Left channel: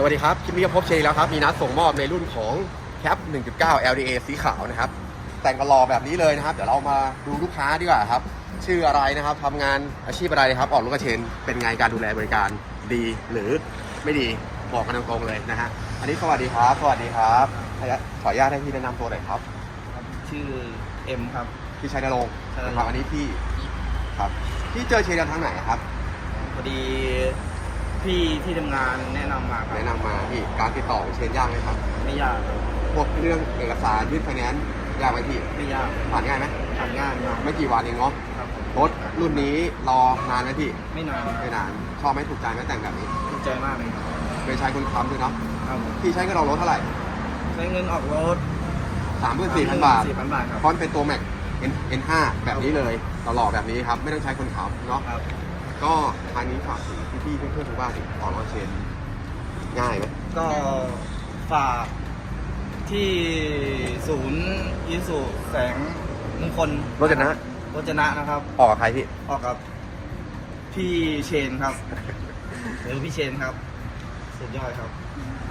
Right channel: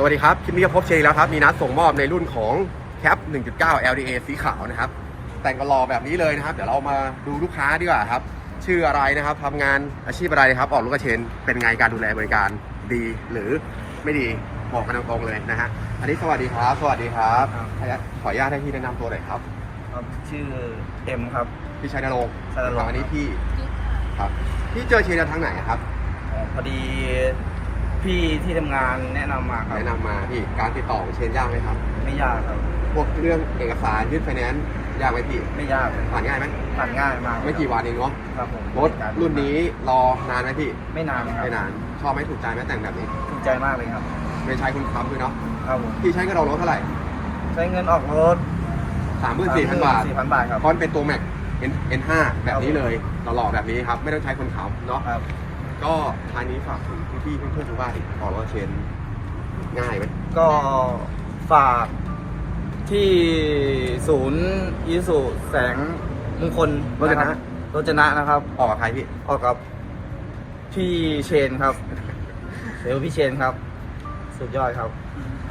สวัสดีครับที่นี่ก็พบเชยแล้วครับ มีนัดส่งมอบในรุ่นของแคป 1.9 LDA สีขาวนะครับ แต่งกระลอแบบนี้เลยนะครับ เดี๋ยวเรามาดูลูกค้าดีกว่าครับ ชื่ออะไรนะครับทำงานอาชีพอะไรนะครับ ออกรถกระเชน เป็นไงการดูแลบริการดีหรือไม่ดี บอกกันตรงๆเลยนะฮะ อันนี้สวัสดีครับ สวัสดีครับและขออนุญาตให้พี่แนะนำตัวหน่อยครับครับ ชื่อเอ็มครับ พี่ชัยนรงค์ชัยนรงค์อันนี้พี่ ครับ พี่เจอเชนทางไหนนะครับเอ่อพอดี พี่ที่ทำงานแนะนำมาครับแนะนำมาพี่การติดต่อของเชนยากไหมครับ ไม่ยากครับพวกเรื่องเอกสารยื่นไฟแนนซ์ยากไหมพี่ไม่ยากผ่านง่ายไหมผ่านง่ายมากไม่กี่วันเองเนาะครับผมรถรุ่นนี้รอนานไหมพี่ไม่นานครับไม่นานชอบไหมถูกใจไหมแต่งแบบนี้ดีใจมากเลยครับเป็นชายคุณค้ำด้วยเนาะครับผมพี่ใช้เงินเรารถเท่าไหร่ใช้เงินออกรถสามหมื่นสี่พันบาทสี่พันบาทครับ เพราะมันเป็นตัวแม็ก N N5 แบบนี้เลยหล่อๆแบบนี้ครับไม่ต้องใช้คนขับเนาะ ครับ ก็ทางนี้ฝากถึงพี่ๆเพื่อนๆทุกบ้านอีกออกรถเชนง่ายไหมก็ฝากที่ศูนย์ยิสุแสงมงคลรถนะรถจนะนะครับ ออกกับใครพี่ออกกับพี่เชนครับหรือพี่เชนครับ สุดยอดครับ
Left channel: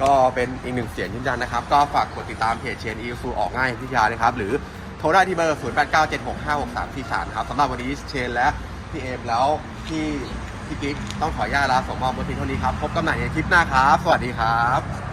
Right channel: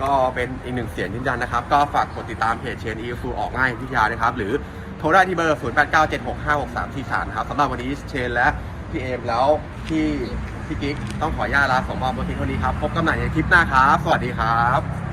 ก็เป็นอีกหนึ่งเสียงยืนยันนะครับ ก็ฝากกดติดตามเพจเชนอีซูออกง่ายพิทยานะครับ หรือโทรได้ที่เบอร์ 0 8 9 7 6 5 6 3 4 3นะครับสำหรับวันนี้เชนและ พี่เอมแล้วพี่พี่ติ๊กต้องขออนุญาตลาสองมอบมาเพียงเท่านี้ครับ พบกันใหม่ในคลิปหน้าครับ สวัสดีครับ